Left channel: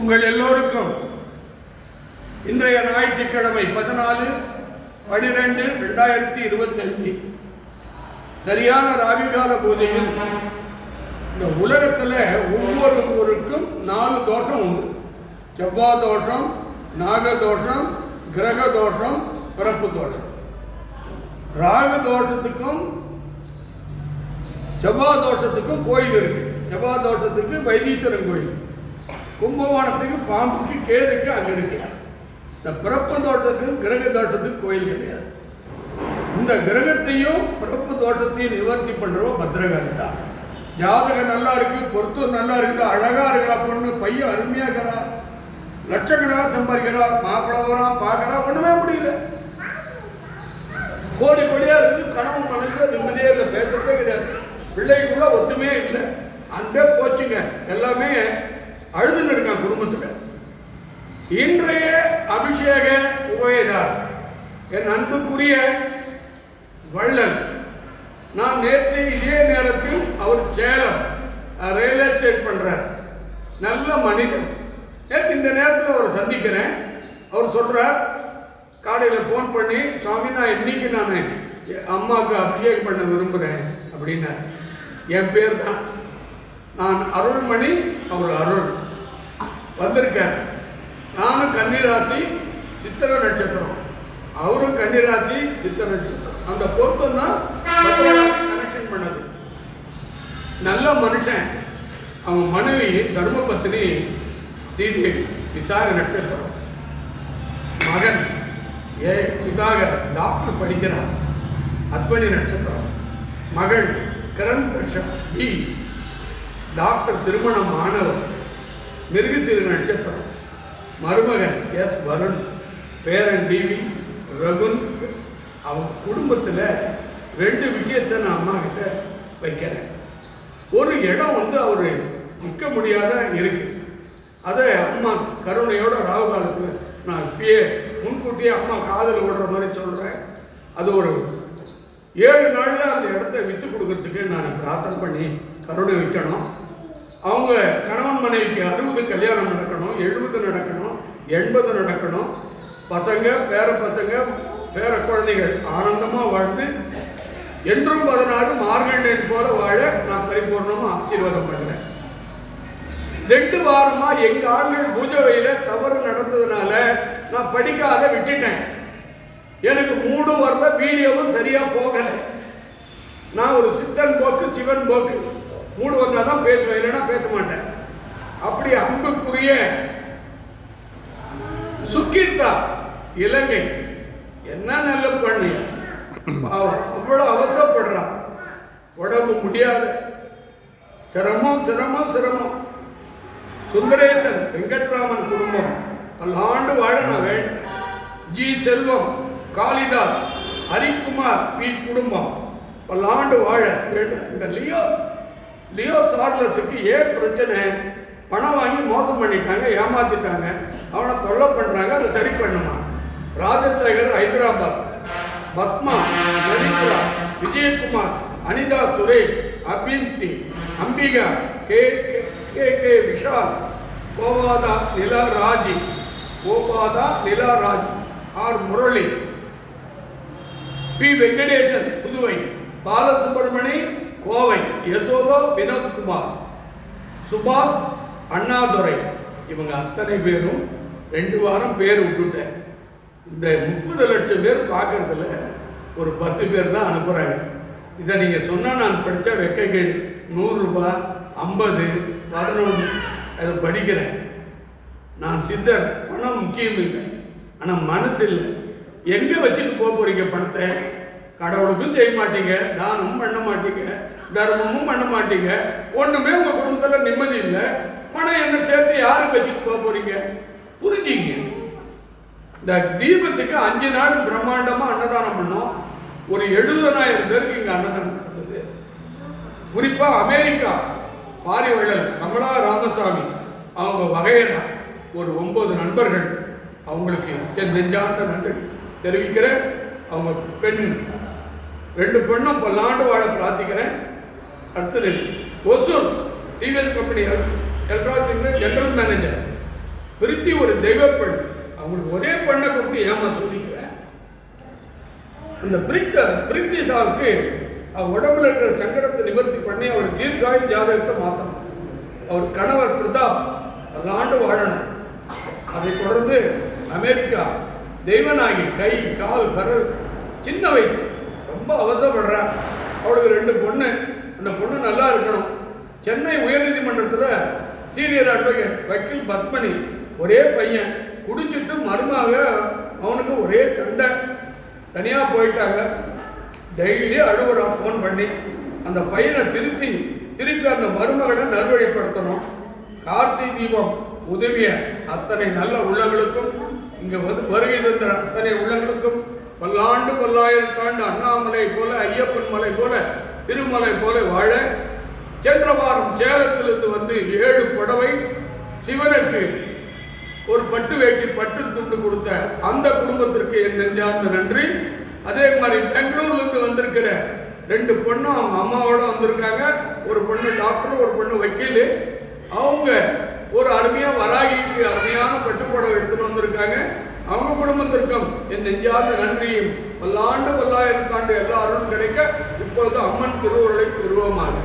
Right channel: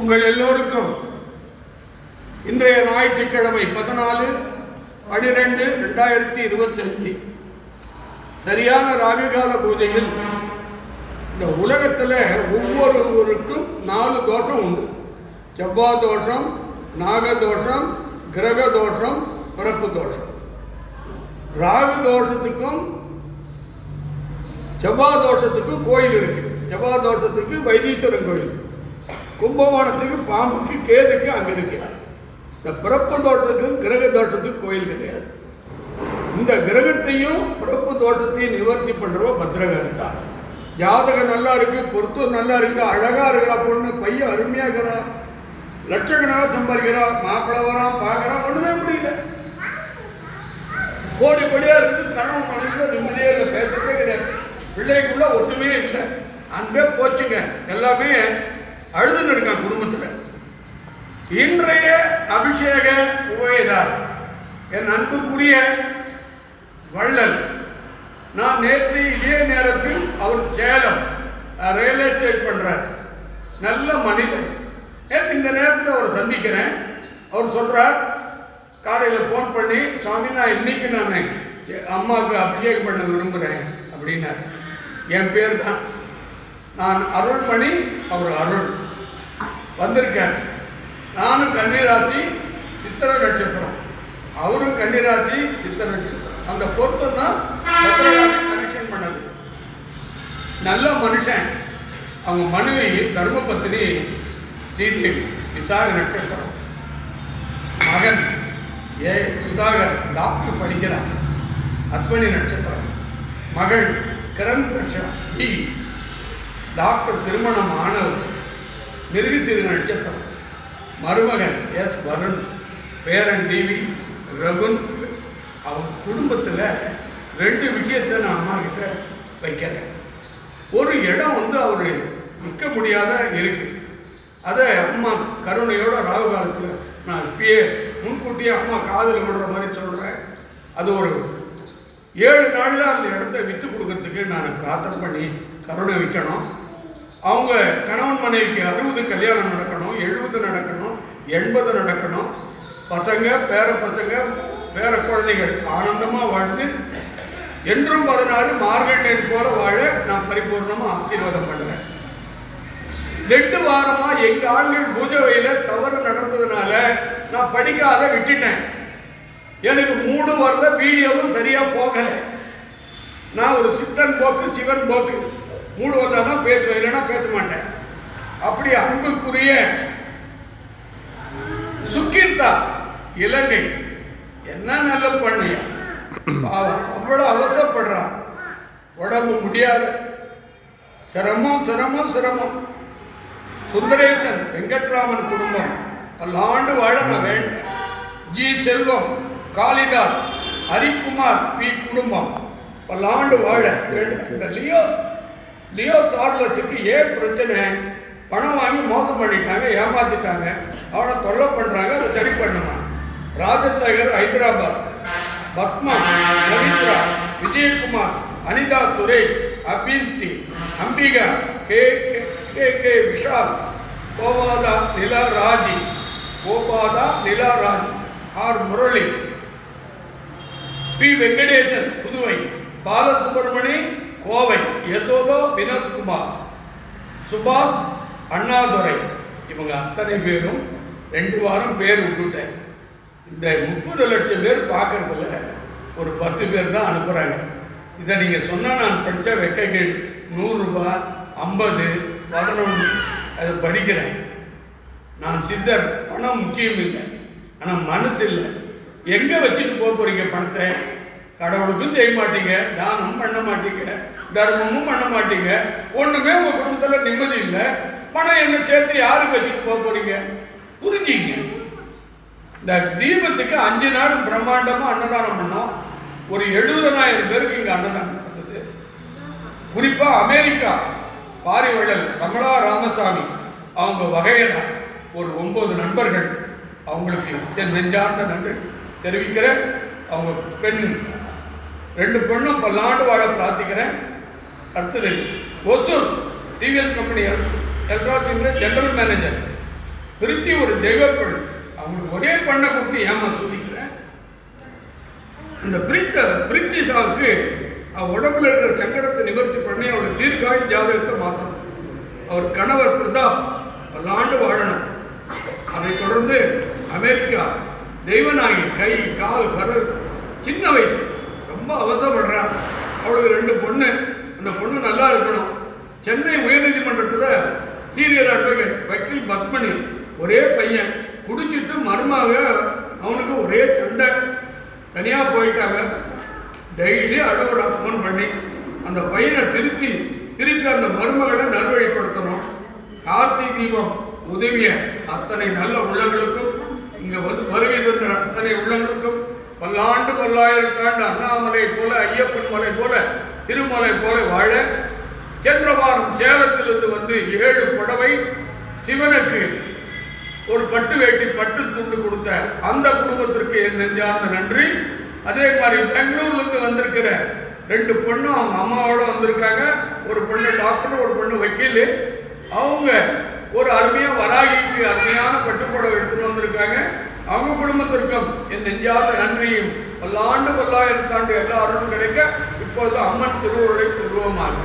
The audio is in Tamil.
உங்கள் எல்லோருக்கும் இன்றைய ஞாயிற்றுக்கிழமை 14/12/2025 சரியான ராகுகால பூஜையில் இந்த உலகத்தில் ஒவ்வொருவருக்கும் 4 தோஷம் உண்டு. செவ்வாய் தோஷம், நாக தோஷம், கிரக தோஷம், பிறப்பு தோஷம். ராகு தோஷத்துக்கும் செவ்வாய் தோஷத்துக்கும் கோயில் இருக்கு. செவ்வாய் தோஷத்துக்கு வைத்தீஸ்வரன் கோயில், கும்பகோணத்துக்கு பாம்புக்கு கேதுக்கு அங்கே இருக்கு. இந்த பிறப்பு தோஷத்துக்கும் கிரக தோஷத்துக்கு கோயில் கிடையாது. இந்த கிரகத்தையும் பிறப்பு தோஷத்தையும் நிவர்த்தி பண்ணுறவ பத்திரகாளி தான். ஜாதகம் நல்லா இருக்கு, பொருத்தம் நல்லா இருக்கு, அழகா இருக்கிறா பொண்ணு, பையன் அருமையா இருக்கிறா, லட்சக்கணக்காக சம்பாதிக்கிறா, மாப்பிள்ளை வரான் பார்க்கறா, ஒண்ணுமே முடியல. கோடி கோடியா இருக்கு, கணவன் மனசுல நிம்மதியே இல்லை, பேசுறதே கிடையாது, பிள்ளைக்குள்ள ஒத்துமையே இல்லை, அன்பே போச்சுங்க, எல்லாமே அழுதுன்னு இருக்கான் குடும்பத்தில். இன்றைய அபிஷேக உபயதார் என் அன்புக்குரிய வள்ளல். நான் நேற்று இதே நேரத்தில் அவர் சேலம் ரயில்வே எஸ்டேட் பண்றார், நல்ல மனிதன். நேற்று இந்த நேரத்தில் அவரை சந்திக்கிறேன். அவர் சொல்றார், காலையில் ஃபோன் பண்ணி, சுவாமி நான் இன்னைக்கு நான் அம்மாவுக்கு அபிஷேகம் பண்ண விரும்புகிறேன் அப்படின்னார். என் பேர் தான், நான் அருள்மணி, அவர் அருள். வந்திருக்கார். நானும் கன்னிராசி சித்திர நட்சத்திரம், அவரும் கன்னிராசி சித்திர நட்சத்திரம். அந்த பொருத்தம் தான் கனெக்ஷன் பண்ணது. நல்ல மனுஷன். அவங்க மனைவி தர்மபத்தினி ஸ்ரீதேவி, விசாக நட்சத்திரம். மகன் சுதாகர் டாக்டர் படிக்கிறான், அஸ்வினி நட்சத்திரம். மகள் கிரண் டி டாக்டர், திருமணம் ஆனவர், மிருகசீர நட்சத்திரம். மருமகன் எஸ் வருண், பேரன் டிவி ரகுன். அவங்க குடும்பத்தில் 2 விஷயத்தை நான் அம்மா கிட்ட வைக்கிறேன். ஒரு இடம் அவர் நிற்க முடியாத இருக்கு. அதை அம்மா கருணையோட ராகு காலத்தில் நான் இப்பயே முன்கூட்டியே அம்மா காதல் விடுற மாதிரி சொல்கிறேன். அது ஒரு 7 நாளில் அந்த இடத்த விற்று கொடுக்கறதுக்கு நான் பிரார்த்தனை பண்ணி கருணை வைக்கணும். அவங்க கணவன் மனைவிக்கு 60 கல்யாணம் நடக்கணும், 70 நடக்கணும், 80 நடக்கணும். பசங்க, பேர பசங்க, பேர குழந்தைகள் ஆனந்தமாக வாழ்ந்து என்றும் 16 மார்கண்டையன் போல வாழ நான் பரிபூர்ணமாக ஆசீர்வாதம் பண்ணுறேன். 2 வாரமா எங்க ஆண்கள் பூஜை வயல தவறு நடந்ததுனால நான் படிக்காத விட்டுட்டேன். எனக்கு 3 வரல, வீடியோவும் சரியா போகல. நான் ஒரு சித்தன் போக்கு சிவன் போக்கு, 3 வந்தால் தான் பேசுவேன், இல்லைன்னா பேச மாட்டேன். அப்படி அன்புக்குரிய சுக்கீர்த்தா இலங்கை, என்ன நல்ல பண்ணி அவ்வளோ அவசரப்படுறான், உடம்பு முடியாத, சிரமம் சிரமம் சிரமம். சுந்தரேசன் வெங்கட்ராமன் குடும்பம் பல்லாண்டு வாழ நான் வேண்டேன். ஜி செல்வம், காளிதாஸ், ஹரிக்குமார் பி குடும்பம் பல்லாண்டு வாழ வேண்டும். இந்த லியோ சார்லஸுக்கு ஏன் பிரச்சனை? பணம் வாங்கி மோசம் பண்ணிட்டாங்க, ஏமாத்திட்டாங்க, அவனை தொல்லை பண்ணுறாங்க, அதை சரி பண்ணுமா. Rajasekar Hyderabad, Padma, Ravindra, Vijayakumar, Anitha Suresh, Abinthi, Ambika, K Vishal, Gopatha Nilaraji, R Murali, P Venkatesan Puduvai, Balasubramani Kovai, Yashoda Vinothkumar, Subash Annadurai. இவங்க அத்தனை பேரும் 2 வாரம் பேர் விட்டுட்டேன். இந்த 30 லட்சம் பேர் பார்க்கறதுல ஒரு 10 பேர் தான் அனுப்புகிறாங்க. இதை நீங்கள் சொன்னால் நான் படித்த வெக்கைகள் 100 ரூபாய், 50, 11 அதை படிக்கிறேன். நான் சித்தர், பணம் முக்கியம் இல்லை, ஆனால் மனசு இல்லை. எங்கே வச்சுட்டு போக போகிறீங்க பணத்தை? கடவுளுக்கும் செய்ய மாட்டீங்க, தானமும் பண்ண மாட்டீங்க, தர்மமும் பண்ண மாட்டீங்க, ஒன்றுமே உங்கள் குடும்பத்தில் நிம்மதி இல்லை. பணம் என்ன சேர்த்து யாருக்கு வச்சுட்டு போக போகிறீங்க? புரிஞ்சிங்க. இந்த தீபத்துக்கு 5 நாள் பிரம்மாண்டமாக அன்னதானம் பண்ணோம். ஒரு 70,000 பேருக்கு இங்கே அன்னதானம் நடந்தது. குறிப்பாக அமெரிக்கா பாரிவள்ளல் கமலா ராமசாமி அவங்க வகையில் ஒரு 9 நண்பர்கள், அவங்களுக்கு என் நெஞ்சார்ந்த நன்றி தெரிவிக்கிறேன். அவங்க பெண் 2 பெண்ணும் பல்லாண்டு வாழ பிரார்த்திக்கிறேன். அடுத்தது ஒசூர் டிவிஎஸ் கம்பெனி எல்ட்ராசிங்கில் ஜெனரல் மேனேஜர் பிரித்தி ஒரு தெய்வ பெண். அவங்களுக்கு ஒரே பெண்ணை கொடுத்து ஏமா சொல்லிக்கிறேன். இந்த பிரித்தி சாவுக்கு அவள் உடம்புல இருக்கிற சங்கடத்தை நிவர்த்தி பண்ணி அவளுக்கு தீர்க்காயும் ஜாதகத்தை மாற்றணும். அவர் கணவர் பிரதாப் பல ஆண்டு வாழணும். அதை தொடர்ந்து அமெரிக்கா தெய்வநாயகி, கை கால் விரல், சின்ன வயசு, ரொம்ப அவசரப்படுறான். அவளுக்கு 2 பொண்ணு. அந்த பொண்ணு நல்லா இருக்கணும். சென்னை உயர்நீதிமன்றத்தில் சீனியர் அட்வொகேட் வக்கீல் பத்மனி, ஒரே பையன், குடிச்சிட்டு மருமாக அவனுக்கு ஒரே சண்டை, தனியாக போயிட்டாங்க. டெய்லி அழுகுறா ஃபோன் பண்ணி. அந்த பையனை திருப்பி அந்த மருமகளை நல்வழிப்படுத்தணும். கார்த்திகை தீபம் உதவிய அத்தனை நல்ல உள்ளங்களுக்கும், இங்கே வருகை தந்த அத்தனை உள்ளங்களுக்கும் பல்லாண்டு பல்லாயிரத்தாண்டு அண்ணாமலை போல, ஐயப்பன் மலை போல, திருமலை போல வாழ. சென்ற வாரம் சேலத்திலிருந்து வந்து 7 புடவை சிவனுக்கு ஒரு பட்டு வேட்டி பட்டு துண்டு கொடுத்த அந்த குடும்பத்திற்கு என் நெஞ்சார்ந்த நன்றி. அதே மாதிரி பெங்களூர்லேருந்து வந்திருக்கிற 2 பொண்ணும் அவங்க அம்மாவோட வந்திருக்காங்க. ஒரு பொண்ணு டாக்டர், ஒரு பொண்ணு வக்கீல். அவங்க ஒரு அருமையாக வராகிக்கு அருமையான பட்டுப்புடவை எடுத்துட்டு வந்திருக்காங்க. அவங்க குடும்பத்திற்கும் என் நெஞ்சார்ந்த நன்றியும் பல்லாண்டு பல்லாயிரத்தாண்டு எல்லாரும் கிடைக்க இப்பொழுது அம்மன் திருவுருளை உருவமாக